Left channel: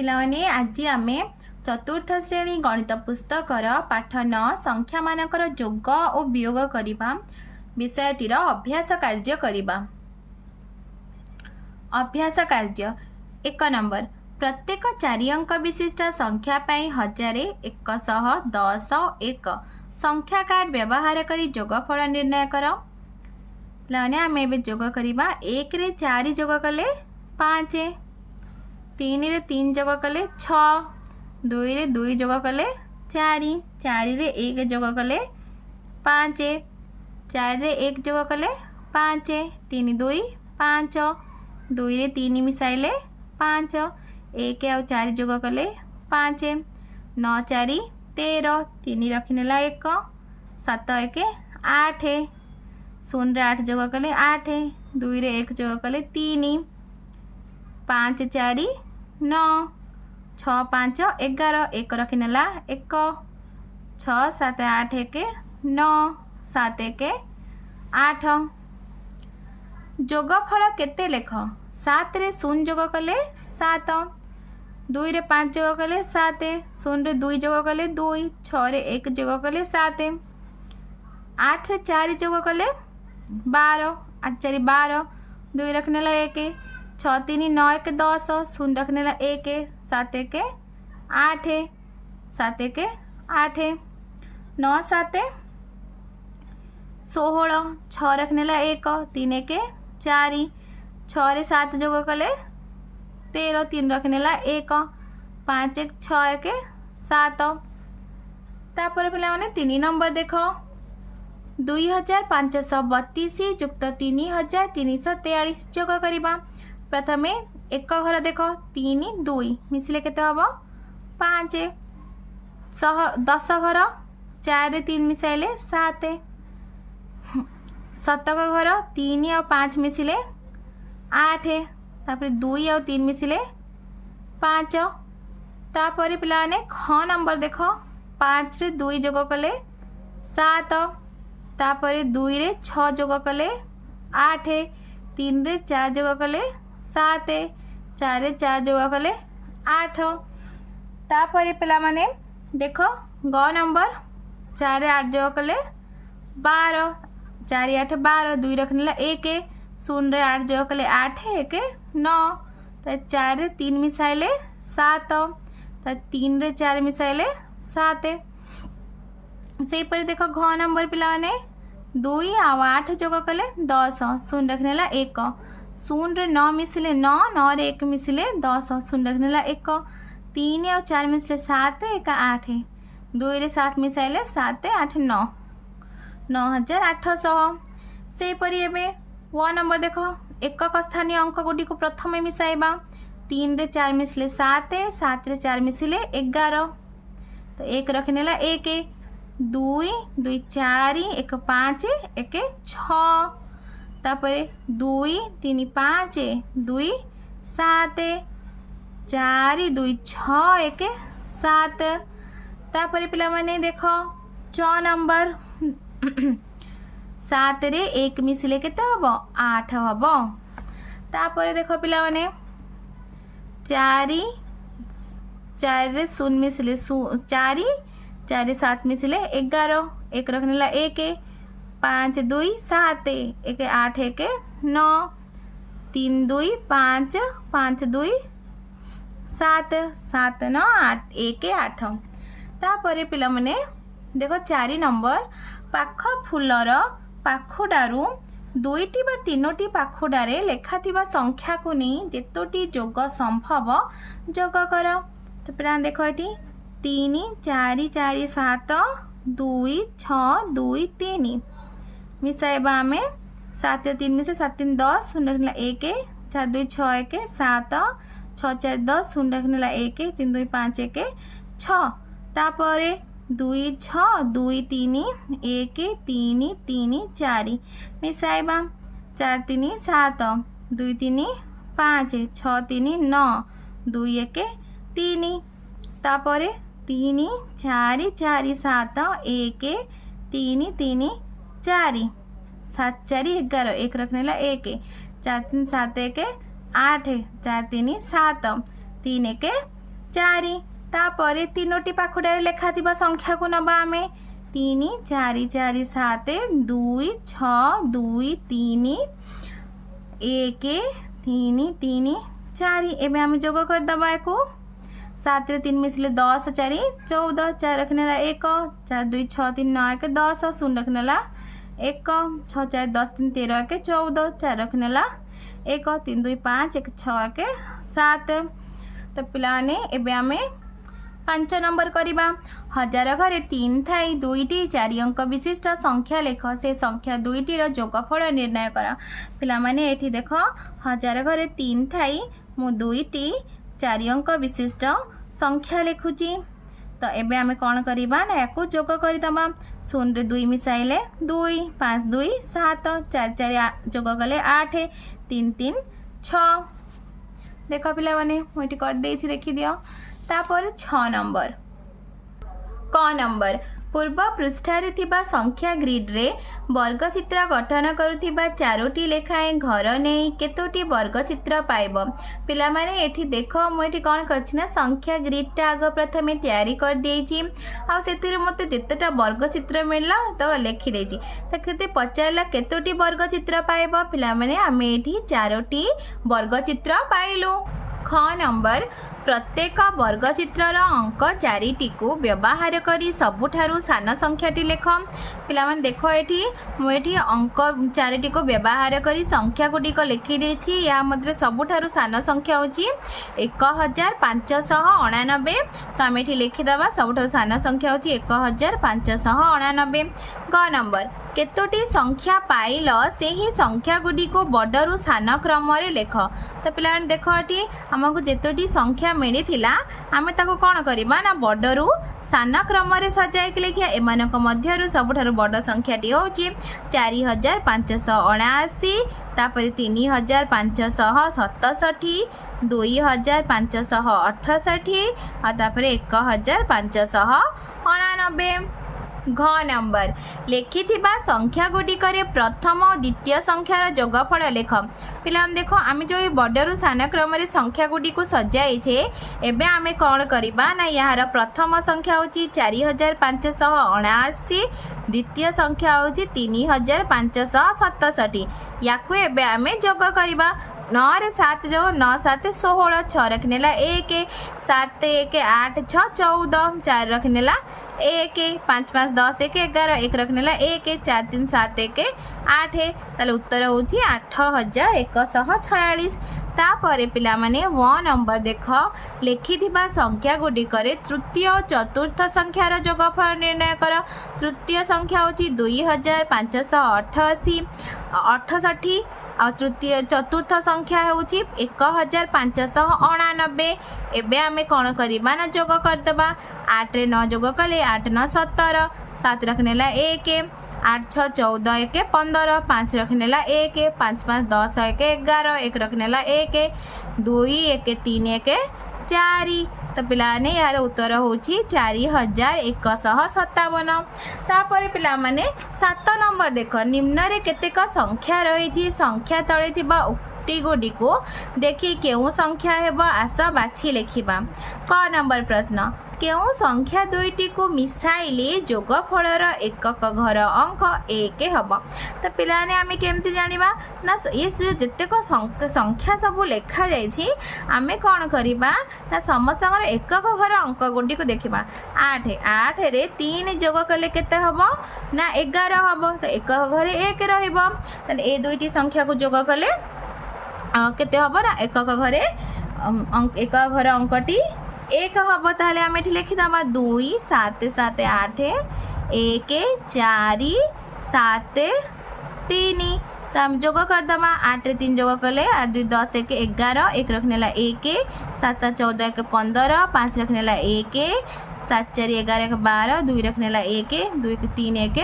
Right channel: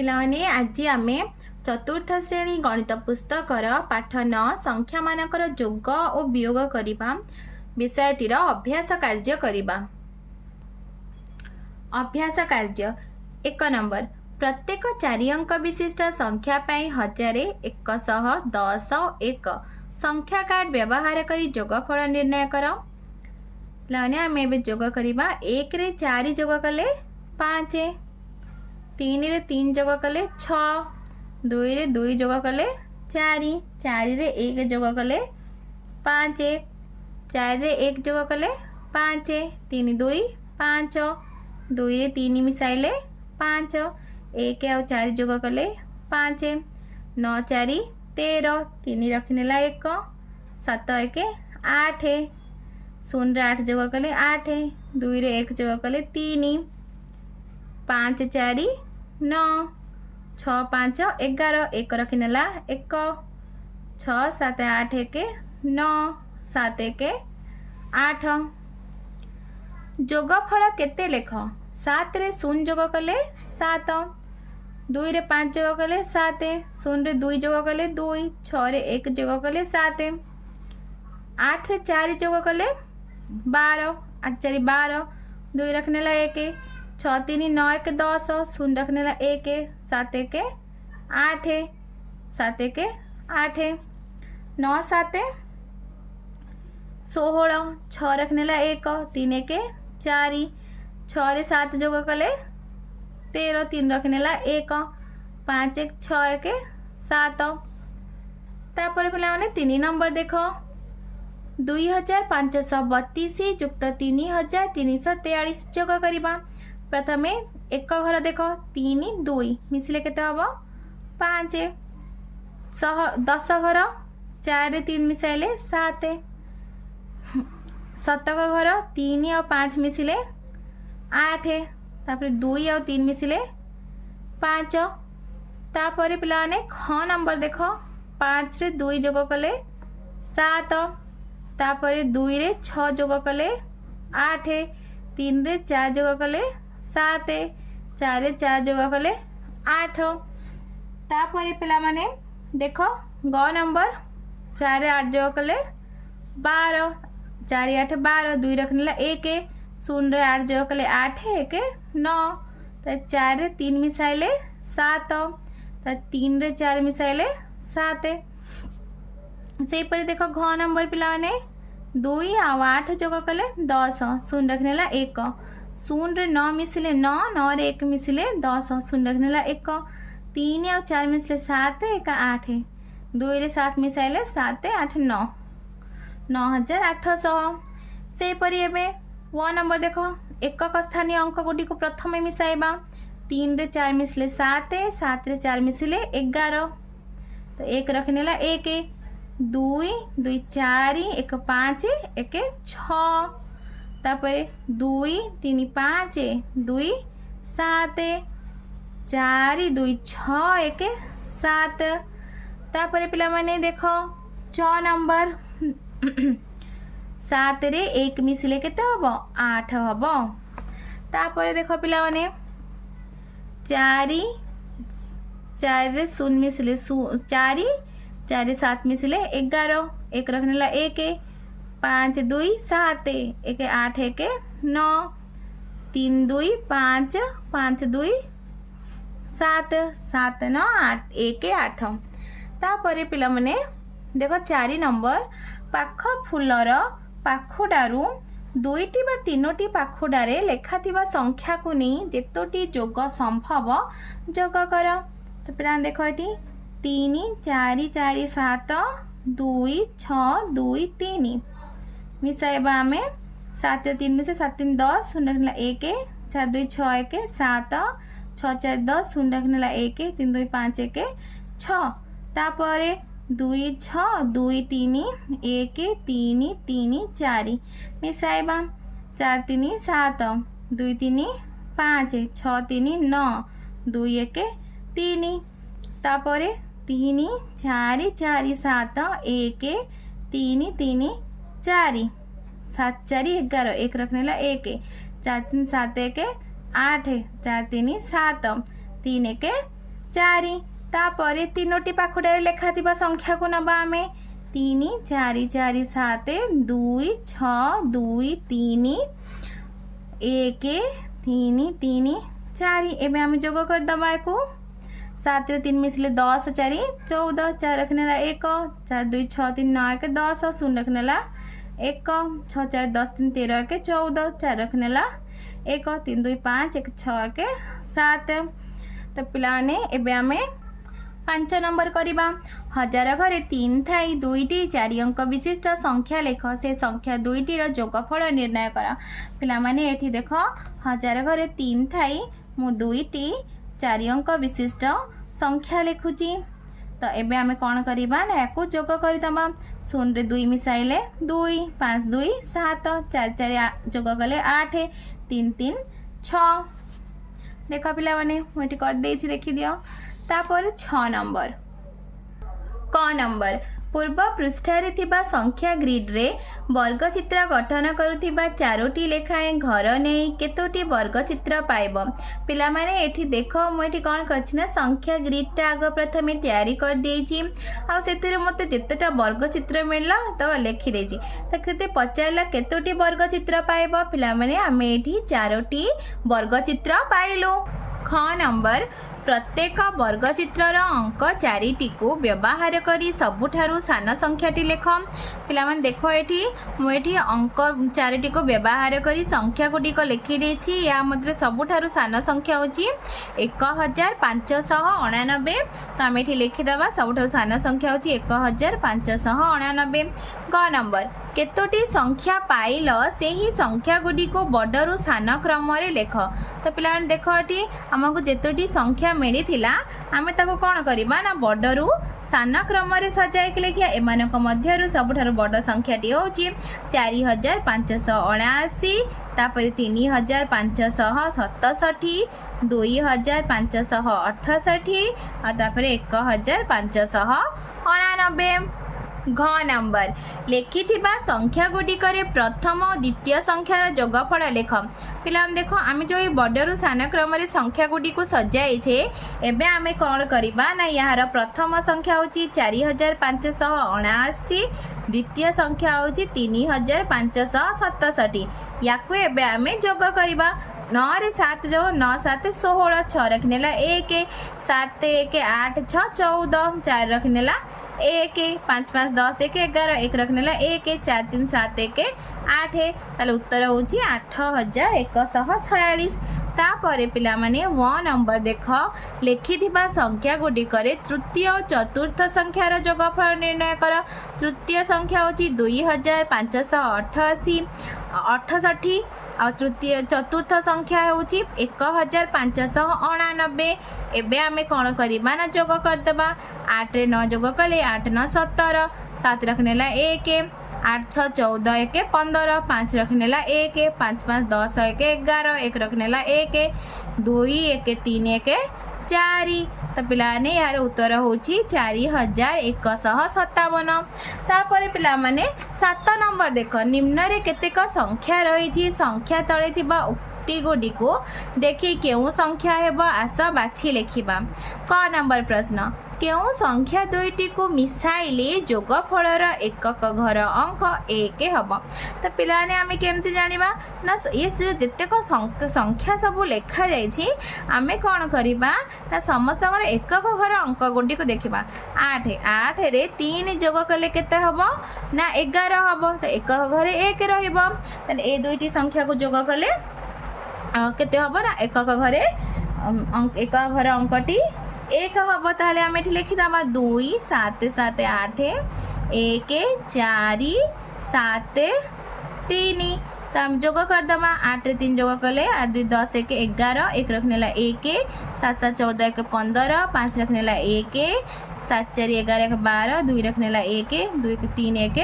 पिलाने आज आमे चतुर्थ श्रेणी गणित पुस्तकर पाठ 9 संख्या मानकर जोग और वियोग करिबा विषयटीर अभ्यास कार्य करिबा। अभ्यास कार्य 1 नंबर प्रत्येक 4 अंक विशिष्ट संख्या पाई 1110 संख्या कार्ड व्यवहार करी जोगफल निर्णय कर। पिलाने आमे एबे जोग करिबा 1 रे 4 जोग कले 5, 3 रे 3 जोग कले 6, 2 रे 2 जोग कले 4, 4 रे 1 जोग कले 5, 4 रे 1 जोग कले 5, 3 2 5, 2 रे 3 मिसाइले 5, 1 और 4 जोग कले 5, 9 4 13, 3 रखिनेला 1, 7 1 8, 0 रे 8 जोग कले 8, 2 रे 1 जोग कले 3, 5 4 9, 6 5 11, 1 रखिनेला 1, 6 7 8 1 9, 7 1 8। जोगफल केते लेख? 7 रे 0 जोग कले 7, 2 रे 5 जोग कले 7, 0 रे 2 जोग कले 2, 6 रे 1 जोग कले 7, 8 रे 4 जोग कले 12, 8 4 12, 2 रखनेला 1, 6 3 9 1 10, 0 रखनेला 1, 7 1 8, 7 1 8, 9 7 16, 6 रखनेला 1, 3 1 4, 6 रे 7 जोग कले 13, 3 रखनेला 1, 5 1 6 1 7। तापर पिला माने 3 नंबर देखो 2532 युक्त 3343 जोग करिबा। प्रथमे एक घर देख 3 2 मिसिले केते हबो 5, 10 घर 4 रे 3 मिसाइले 7, शतक घर 3 और 5 मिसिले 8, तापर 2 और 3 मिसिले 5। तापर पिला ने ख नंबर देख 5 रे 2 जोग कले 7, तापर 2 रे 6 जोग कले 8, 3 रे 4 जोग कले 7, 4 रे 4 जोग कले 8। तापर पिला माने देखो ग नंबर 4 रे 8 जोग कले 12, 4 8 12, 2 रखनेला 1, 0 रे 8 जोग कले 8 1 9, 4 रे 3 मिसाइले 7, 3 रे 4 मिसाइले 7। से पर देखो घ नंबर पिला ने 2 और 8 जोग कले 10, 0 रखनेला 1, 0 रे 9 मिसिले 9, 9 रे 1 मिसिले 10, 0 रखनेला 1, 3 और 4 मिसिले 7 1 8, 2 रे 7 मिसाइले 7 8 9, 9800। से परी एबे व नंबर देखो एकक स्थानीय अंक गुडी को प्रथम मिसाइबा 3 रे 4 मिसिले 7, 7 रे 4 मिसिले 11, तो 1 रखनेला 1, 2 2 4 1 5 1 6, तापर 2 3 5 2 7, 4 2 6 1 7। तापर पिला माने देखो 6 नंबर 7 रे 1 मिसिले केते हबो 8 हबो। तापर देखो पिला माने 4 4 रे 0 मिसिले 4, 4 रे 7 मिसिले 11, 1 रखनेला 1, 5 2 7 1 8 1 9, 3 2 5 5 2 7, 7 9 8 1 8। तापर पिला माने देखो 4 नंबर पाख फुलर पाखुडारू 2टी बा 3टी पाखुडारे लेखाथिबा संख्या को नहीं जेतोटी जोग संभव जोग कर। तो पिला देखो एटी 3 4 4 7 2 6 2 3 मिसाइबा आमे 7 3 मिसे 7 3 10, 0 रखनेला 1, 4 2 6 1 7, 6 4 10, 0 रखनेला 1, 3 2 5 1 6, तापर 2 6 2 3 1 3 3 4 मिसाइबा 4 3 7, 2 3 5, 6 3 9, 2 1 3, तापर 3 4 4 7 1 3 3 4, 7 4 11, 1 रखनेला 1, 4 3 7 1 8, 4 3 7, 3 1 चारि तापर तीनोटी पाखुड़ारे लेखा थिबा संख्या को नबा आमे 3 4 4 7 2 6 2 3 1 3 3 4 एबे आमे जोग कर दबा एको 7 रे 3 मिसले 10 4 14 4 रखनेला 1 4 2 6 3 9 1 10 0 रखनेला 1 6 4 10 3 13 1 14 4 रखनेला 1 3 2 5 1 6 1 7 तो पिलाने एबे आमे 5 नंबर करिबा हजार घरे 3 थाई 2टी 4 अंक विशिष्ट संख्या लेख से संख्या 2टी रो जोगफल निर्णय कर पिला माने एठी देखो हजार घरे 3 थाई मु 2टी 4 अंक विशिष्ट संख्या लिखुची तो एबे आमे कोन करिबा ना याकू जोग करिदबा 0 रे 2 मिसाइले 2 5 2 7 4 4 जोग कले 8 3 3 6 देखो पिला माने मोटी कर देछि देखि दियो तापर 6 नंबर क नंबर पूर्व पृष्ठारे थिबा संख्या ग्रिड रे वर्ग चित्र गठन करुथिबा 4टी लेखाएं घर नहीं केतोटी वर्ग चित्र पाइबो पिला माने एठी देखो मु एठी कोन करछि ना संख्या ग्रिड टा आग प्रथमे तयारी कर देछि आ सेतिरे मते जेतेटा वर्ग चित्र मिलला तो लिखि देछि त केते पचारला केतोटी वर्ग चित्र पाइबो पिला माने आमे एठी 4टी वर्ग चित्र पाइलु ख नंबर प्रत्येक वर्ग चित्रर अंक 4टी को व्यवहार करी सबुठारु सान संख्याटी लेख पिला माने देखो एठी मु एठी अंक 4टी को व्यवहार करी संख्या गुडी को लिखि देछि या मध्य सबुठारु सान संख्या होची 1589 तो आम एठी लिखि दबा सबुठारु सान संख्या होची 1589 ग नंबर केतोटी संख्या पाइल से ही संख्या गुडी को बडरु सान क्रम रे लेख तो पिला देखो एठी हमको जेतोटी संख्या मिली थिला आमे ताको कोन करबा ना बडरु सान क्रम रे सजाय के लेखिया एमानक मध्यरु सबुठारु बड संख्याटी होची 4579 तापर 3567 2568 आ तापर 1599 घ नंबर लिखिथिबा संख्या गुडिकरे प्रथम और द्वितीय संख्यार जोगफल लेख पिला देखो आमे जो बडरु सान क्रम रे संख्या गुडी को सजाई छे एबे आमे कोन करिबा ना यार प्रथम संख्या होची 4579 द्वितीय संख्या होची 3567 याकू एबे आमे जोग करिबा 9 रे 7 जो 9 7 16 6 रखनेला 1 7 1 8 6 14 4 रखनेला 1 5 5 10 1 11 1 रखनेला 1 4 3 7 1 8 ताले उत्तर होची 8146 तापर पिला माने व नंबर देख लिखिथिबा संख्या गुडी करे तृतीय और चतुर्थ संख्यार जोगफल निर्णय कर तृतीय संख्या होची 2588 68 आ तृतीय चतुर्थ संख्या होची 1599 एबे आमे कोन करिबा ना जोग करदबा 8 रे 9 जोग कले 8 9 17 7 रखनेला 1 8 6 14 1 15 5 रखनेला 1 5 5 10 1 11 1 रखनेला 1 2 1 3 1 4 तो पिला ने यार उत्तर होची 4157 तापर पिला माने 7 नंबर देखो निम्न रे केतेक संख्या रही संख्या तले थिबा उक्ति गुडी को देखि केउ संख्या हेबो आस बाछि लेखिबा क नंबर प्रश्न केउ संख्या दुईटी को मिसाइले जोगफलर एकक घर अंक 1 हब तो पिलाने आमे केमती जानिबा ना ये जेतेक संख्या सब लेखा जाइछि आमे कोन करिबा ना समस्त एकक घर अंक गुडी को देखिबा 8 रे 3 जोग कले केते हब ना 11 हब तो एकक घरे 1 रहइबो त ए दुईटी संख्या को जोग कले केते हब ना एकक घरे एकक घर अंकटी 1 हम ताहले आम ये लिखिदमा 2 7 7 8 1 4 7 3 तो हम जोग करदमा 8 रे 3 जोग कले 8 2 10 1 11 1 रखनेला 1 7 7 14 1 15 5 रखनेला 1 7 4 11 1 12 2 रखनेला 1 2 3 1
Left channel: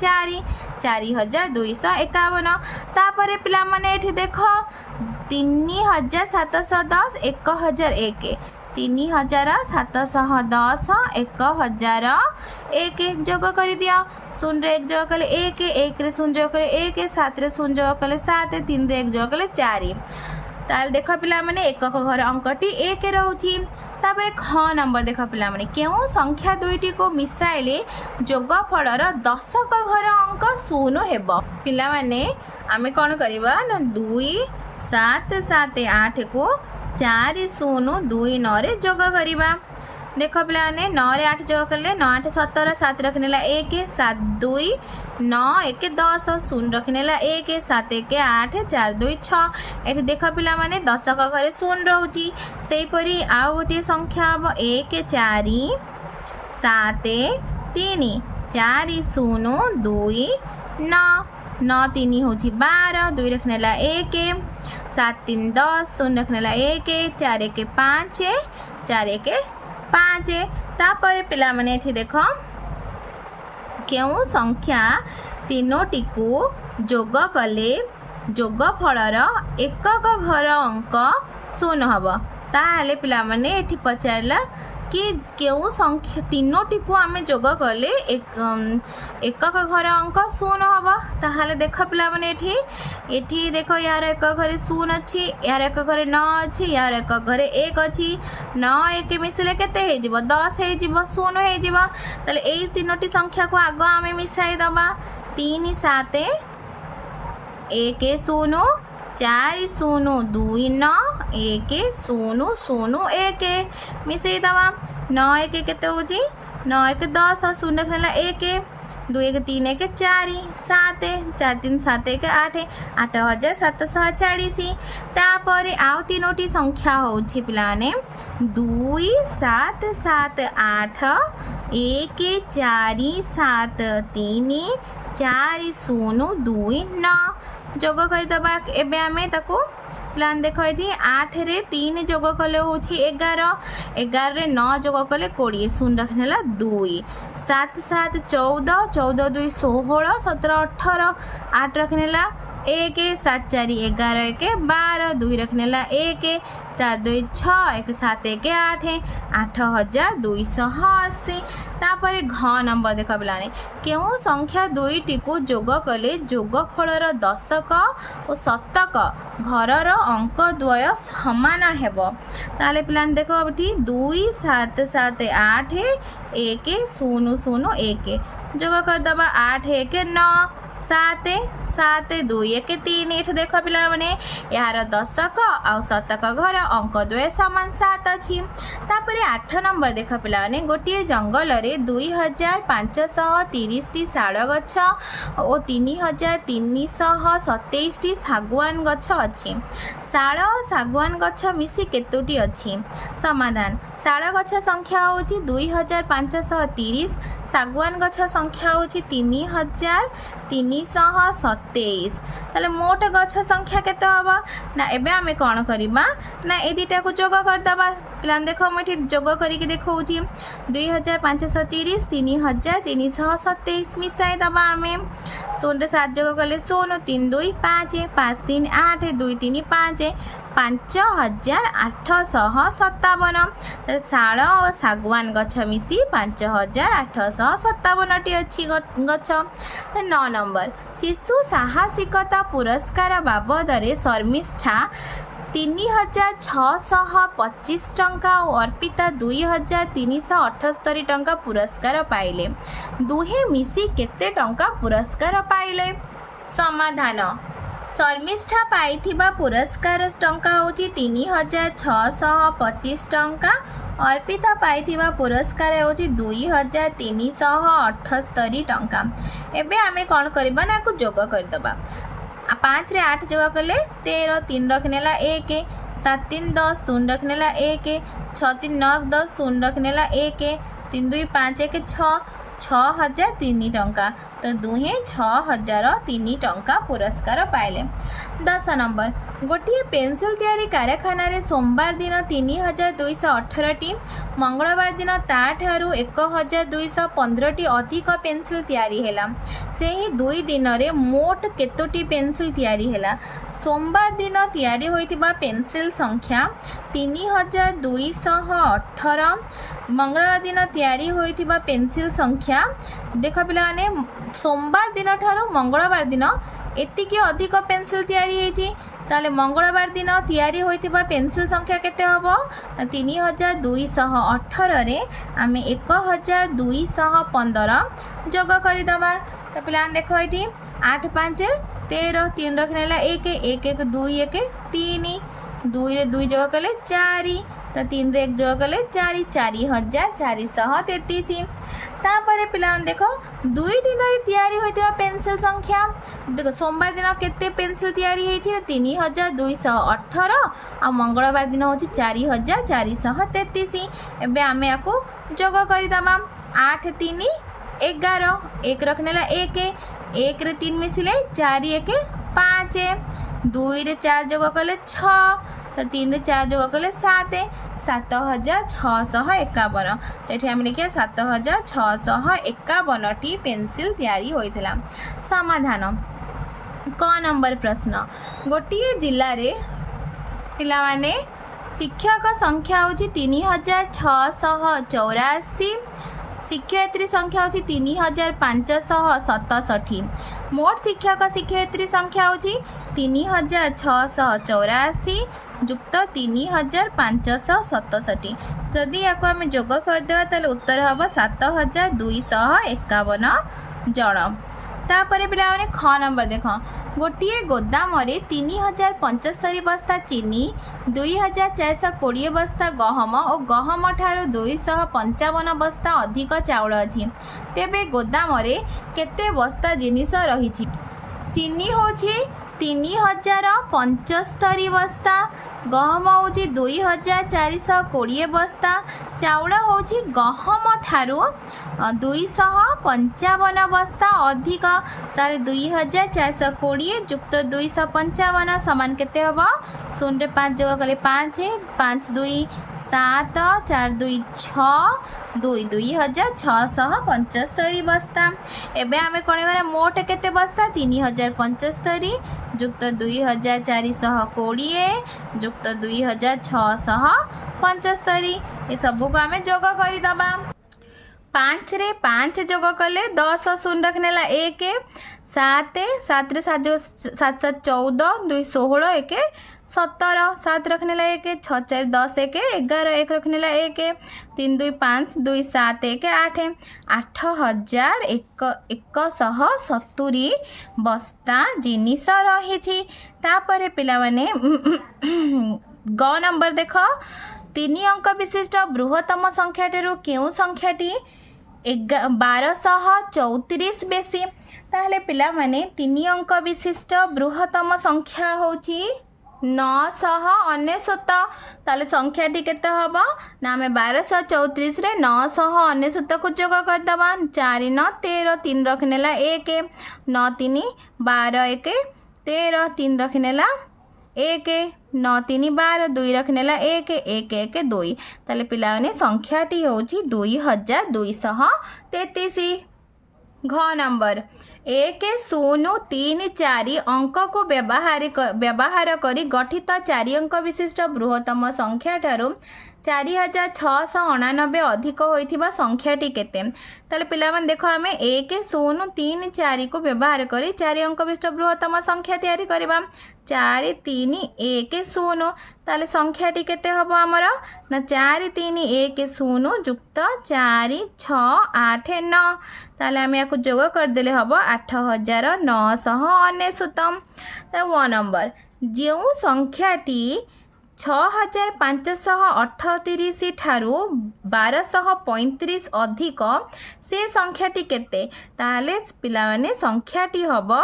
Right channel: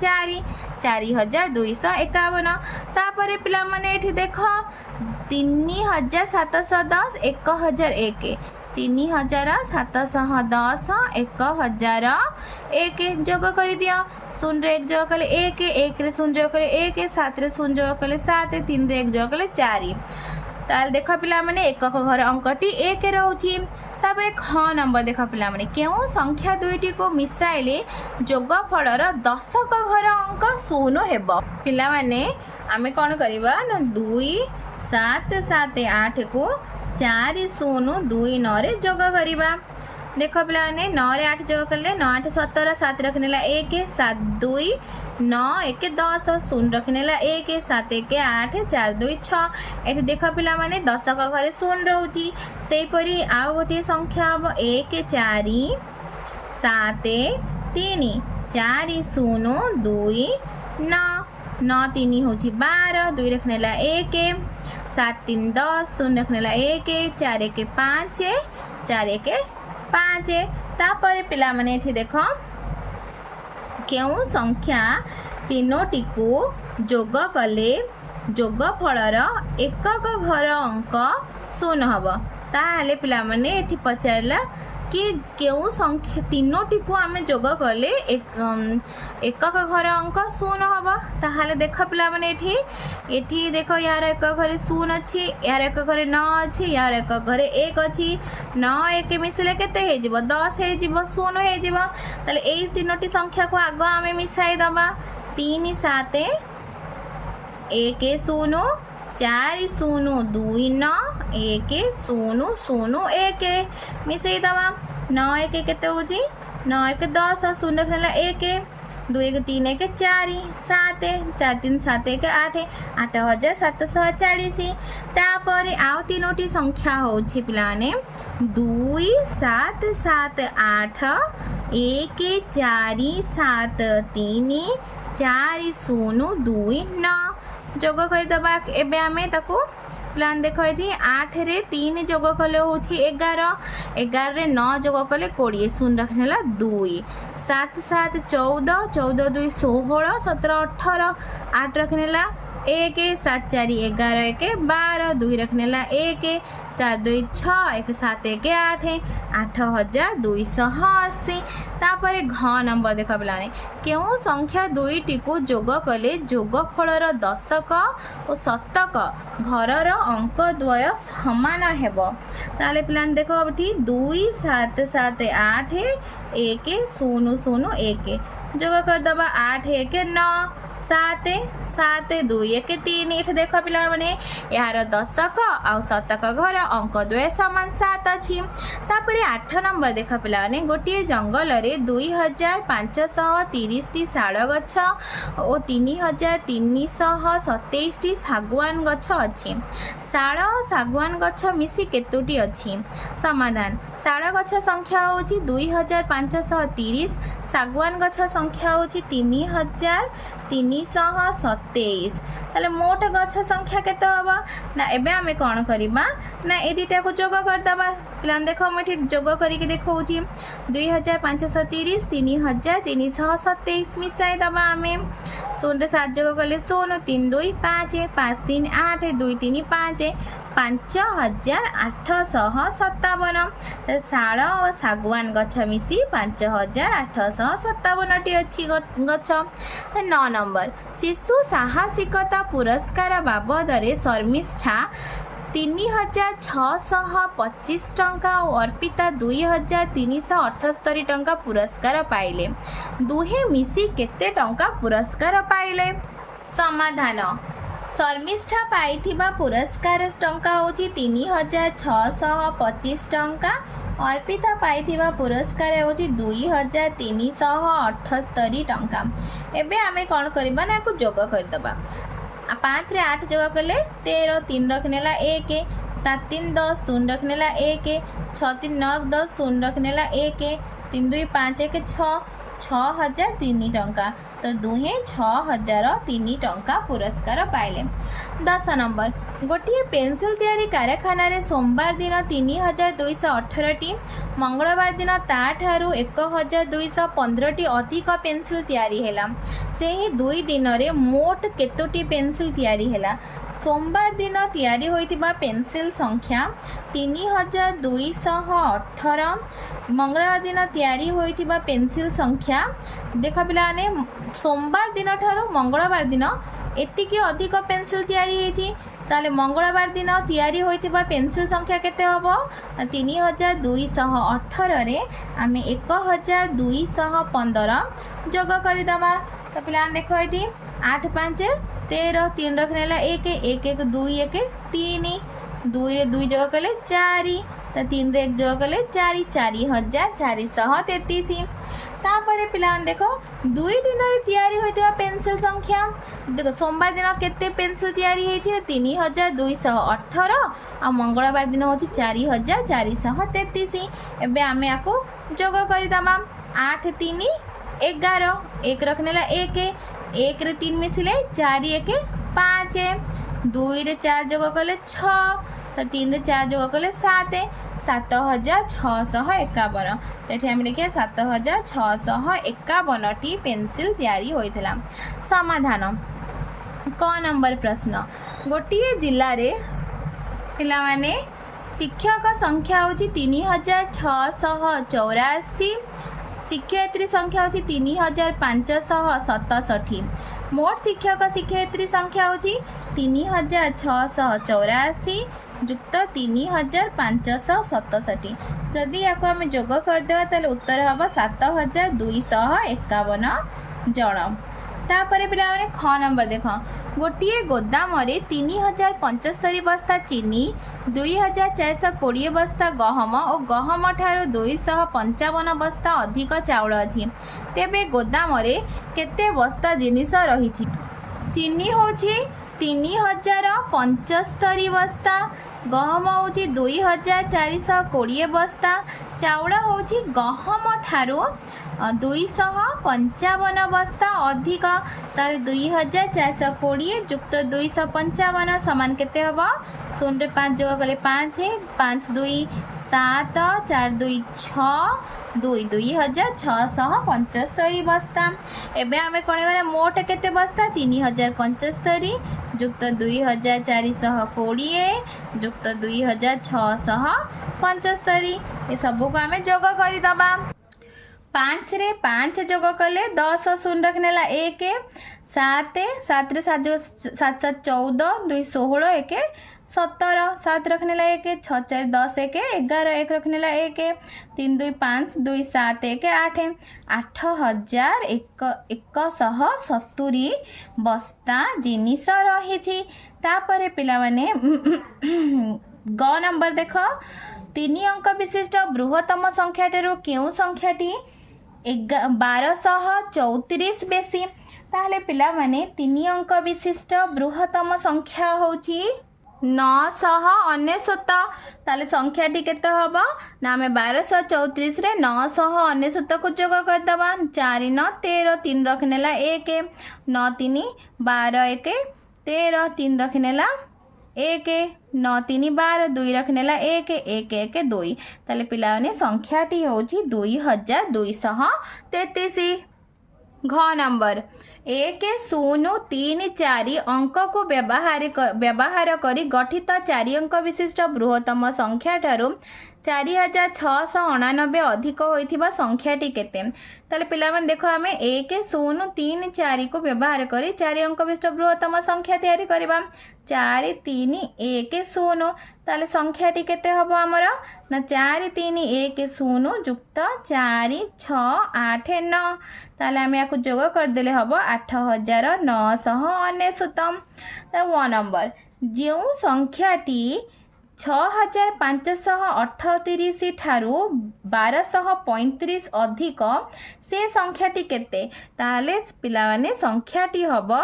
4 4251 तापर पिला माने एठी देखो 3710 1001 3710 1001 जोग कर दियो 0 रे 1 जोग कले 1 1 रे 0 जोग कले 1 7 रे 0 जोग कले 7 3 रे 1 जोग कले 4 ताल देखो पिला माने एकक घर अंकटी 1 रहउची तापर ख नंबर देख पिला माने केउ संख्या दुईटी को मिसाइले जोगफलर दशक घर अंक 0 हेबो। पिला माने आमे कोन करबा ना 2 7 7 8 को 4 0 2 9 रे जोग करबा। देख पिला माने 9 रे 8 जोग करले 9 8 17 7 रखनेला 1 7 2 9 1 10 0 रखनेला 1 7 1 8 4 2 6 एठी देख पिला माने दशक घरे 0 रहउची। सेही परी आ गोटे संख्या हम 1 4 7 3 4 0 2 9 9 3 होची 12 2 रखनेला 1 7 3 10 0 रखनेला 1 4 1 5 4 1 5 तापर पिला माने एठी देखो केउ संख्या तीनोटी को जोग कले जोगफलर एकक घर अंक 0 हबो। ताहले पिला माने एठी पचारला कि केउ संख्या तीनोटी को आमे जोग कले एकक घर अंक 0 हबो। ताहले देख पिला माने एठी देखो यार एक घरे 0 अछि, यार एक घरे 9 अछि, यार एक घरे 1 अछि। 9 1 मिसले केते हे जिवो 10 हे जिवो 0 हे जिवो। ताले एई तीनोटी संख्या को आगो आमे मिसाई दबा 3 7 1 0 4 0 2 9 1 0 0 1 मिसई दबा 9 1 केते होजी 9 1 10 0 रखनेला 1 2 1 3 1 4 7 4 3 7 1 8 8740। तापर आउ तीनोटी संख्या होची पिलाने 2 7 7 8 1 4 7 3 4 0 2 9 जोग करदबा। एबे आमे ताको प्लान देखो ये 8 रे 3 जोग कले होची 11 11 रे 9 जोग कले 20 0 रखनेला 2 7 7 14 14 2 16 17 18 8 रखनेला 1 7 4 11 1 12 2 रखनेला 1 4 2 6 1 7 1 8 8280। तापर घ नंबर देख पिलाने केउ संख्या दुईटी को जोग कले जोगफलर दशक और शतक घरर अंक द्वय समान हेबो। ताले पिलाने देखो अबठी 2 7 7 8 1 0 0 1 जोग कर दबा 8 1 9 7 7 2 1 3 एठ देख पिला माने यार दशक आ शतक घर अंक द्वय समान 7 अछि। तापर 8 नंबर देख पिला माने गोटे जंगल रे 2530 टी शाल गछ और 3327 टी सागवान गछ अछि। शाल और सागवान गछ मिसी केतोटी अछि? समाधान शाल गछ संख्या होची 2530 सागवान गछ संख्या होची 3327। ताले मोट गछ संख्या केते हबो ना एबे हमें कोन करिबा ना ए दिटा को जोग कर दबा। प्लान देखो हम एठी जोग करी के देखौची 2530 3327 मिसाई दबा हमें 0 रे 7 जोग करले 0 3 2 5 5 3 8 2 3 5 5857। शाल और सागवान गछ मिसी 5857 टी अच्छी गछ। 9 नंबर शिशु साहसिकता पुरस्कार बाबद शर्मिष्ठा 3625 टंका और अर्पिता 2378 टंका पुरस्कार पाइले। दुहे मिसी केते टंका पुरस्कार पाइले? समाधान शर्मिष्ठा पाइथिबा पुरस्कार टंका होची 3625 टंका। अर्पिता पाइथिबा पुरस्कार होची 2378 टंका। एबे आमे कोन करबा ना को जोग कर दबा 5 रे 8 जोग करले 13 3 रखनेला 1 7 3 10 0 रखनेला 1 6 3 9 10 0 रखनेला 1 3 2 5 1 6 6003 टंका। तो दुहे 6003 टंका पुरस्कार पाइले। 10 नंबर गोटे पेंसिल तैयारी कारखाना रे सोमवार दिन 3218 टी मंगलवार दिन ताठारु 1215 टी अधिक पेंसिल तैयारी हेला। सेही 2 दिन रे मोट केतोटी पेंसिल तैयारी हेला? सोमवार दिन तैयारी होइतिबा पेंसिल संख्या 3218। मंगलवार दिन तैयारी होइतिबा पेंसिल संख्या देख पिलाने सोमवार दिन ठारू मंगलवार दिन एतिकी अधिक पेंसिल तैयारी हेची ताले मंगलवार दिन तैयारी होइथिबा पेंसिल संख्या केते हबो 3218 रे आमे 1215 जोग करिदबा। तो पिला देखो एठी 8 5 13 3 रखनेला 1 1 1 2 1 3 2 रे 2 जोग कले 4 तो 3 रे 1 जोग कले 4 4433। तापर पिला देखो 2 दिन रे तैयारी होइथिबा पेंसिल संख्या देखो सोमवार दिन केते पेंसिल तैयारी होइछि 3218 आ मंगलवार दिन होछि 4433। एबे आमे आको जोग करि दमा 8 3 11 1 रखनेला 1 1 रे 3 मिसिले 4 1 5 2 रे 4 जोग कले 6 तो 3 रे 4 जोग कले 7 7651। तो ये आम लिखिए 7651 टी पेंसिल तैयारी होइथिला। समाधान क नंबर प्रश्न गोटिए जिले रे पिला माने शिक्षक संख्या होची 3684 शिक्षयित्री संख्या होची 3567 मोट शिक्षक शिक्षयित्री संख्या होची 3684 जुक्त 3567। जदि या आम जोग करदे ताले उत्तर हम 7251 जन। तापर पिला माने ख नंबर देख गोटे गोदाम 3075 बस्ता चीनी 2420 बस्ता गहम और गहम ठारू 255 बस्ता अधिक चाउल अच्छी तेबे गोदाम केते बस्ता जिनिस रही। चीनी होची 3075 बस्ता गहम होची 2420 बस्ता चाउल होची गहम ठारू 255 बस्ता अधिक तार 2420 जुक्त 255 समान केते हबो 0 रे 5 जोग कले 5 5 2 7 4 2 6 2 2675 बस्ता। एबे आमे कोन करे मोट केते बस्ता 3075 जुक्त 2420 जुक्त 2675 ये सब को आमे जोग करि दबा। 5 रे 5 जोग कले 10 0 रखनेला 1 7 7 रे 7 7 14 2 16 1 17 7 रखनेला 1 6 4 10 1 11 1 रखनेला 1 3 2 5 2 7 1 8 8170 बस्ता जिनिस रही। तापर पिला माने ग नंबर देख 3 अंक विशिष्ट बृहत्तम संख्याटू क्यों संख्याटी 1234 बेसी ताहले पिला माने 3 अंक विशिष्ट बृहत्तम संख्या होची 999 ताले संख्याटी केते हबो ना आमे 1234 रे 999 को जोग कर दबा 4 9 13 3 रखनेला 1 9 3 12 1 13 3 रखनेला 1 9 3 12 2 रखनेला 1 1 1 2 ताले पिलाने संख्याटी होची 2233। घ नंबर 1 0 3 4 अंक को व्यवहार करी गठित 4 अंक विशिष्ट बृहत्तम संख्या ठारू 4689 अधिक होइथिबा संख्याटी केते ताले पिला मन देखो आमे 1 0 3 4 को व्यवहार करी 4 अंक विशिष्ट बृहत्तम संख्या तैयारी करबा 4 3 1 0 ताले संख्याटी केते हबो हमरा ना 4 3 1 0 जुक्त 4 6 8 9 ताले आमे याको जोग कर देले हबो 8999। तो 1 नंबर जो संख्याटी 6538 ठारू 1235 अधिक से संख्याटी केते ताले पिला माने संख्याटी हबो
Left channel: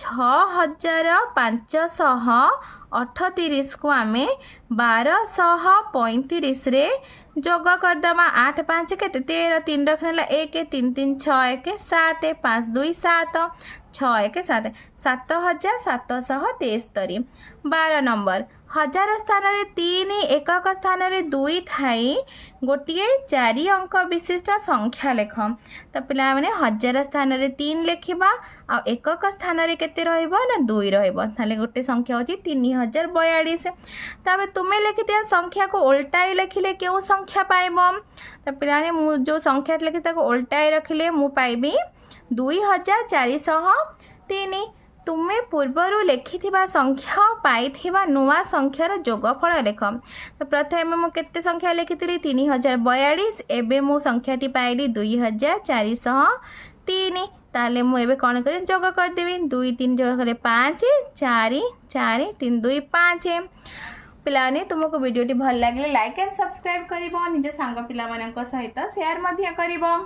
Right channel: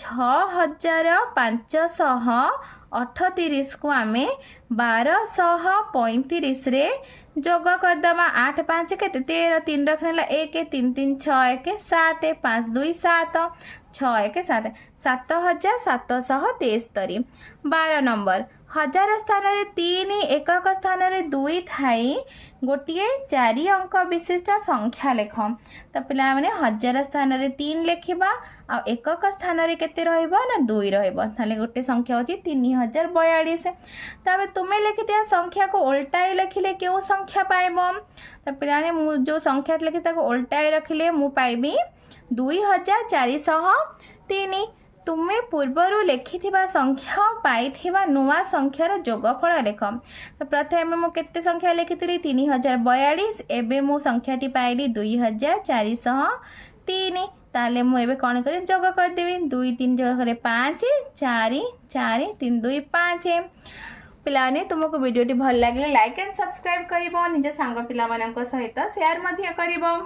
6538 को आमे 1235 रे जोग करदमा 8 5 केते 13 3 रखनेला 1 3 3 6 1 7 5 2 7 6 1 7 7773। 12 नंबर 1000 स्थान रे 3 एकक स्थान रे 2 थाई गोटे 4 अंक विशिष्ट संख्या लेख। तो पिला माने 1000 स्थान रे 3 लेखिबा आ एकक स्थान रे केते रहइबो ना 2 रहइबो ताले गोटे संख्या होची 3042। तबे तुमे लिखिते संख्या को उल्टाई लिखिले केउ संख्या पाइबो तो पिला ने मु जो संख्या लिखि ताको उल्टाई रखिले मु पाइबी 2403। तुम्हें पूर्वर लिखिथिबा संख्या पाइथिबा नुआ संख्यार जोगफल लेख। तो प्रथमे मु केते संख्या लिखिथिली 3042 एबे मु संख्याटी पाइली 2403। ताले मु एबे कोन करी जोग कर देबी 2 3 जोग करे 5 4 4 3 2 5। पिलाने तुमको वीडियोटी भल लगे लाइक एंड सब्सक्राइब करिवो निज सांग पिला मानक सहित शेयर मध्य करिवो।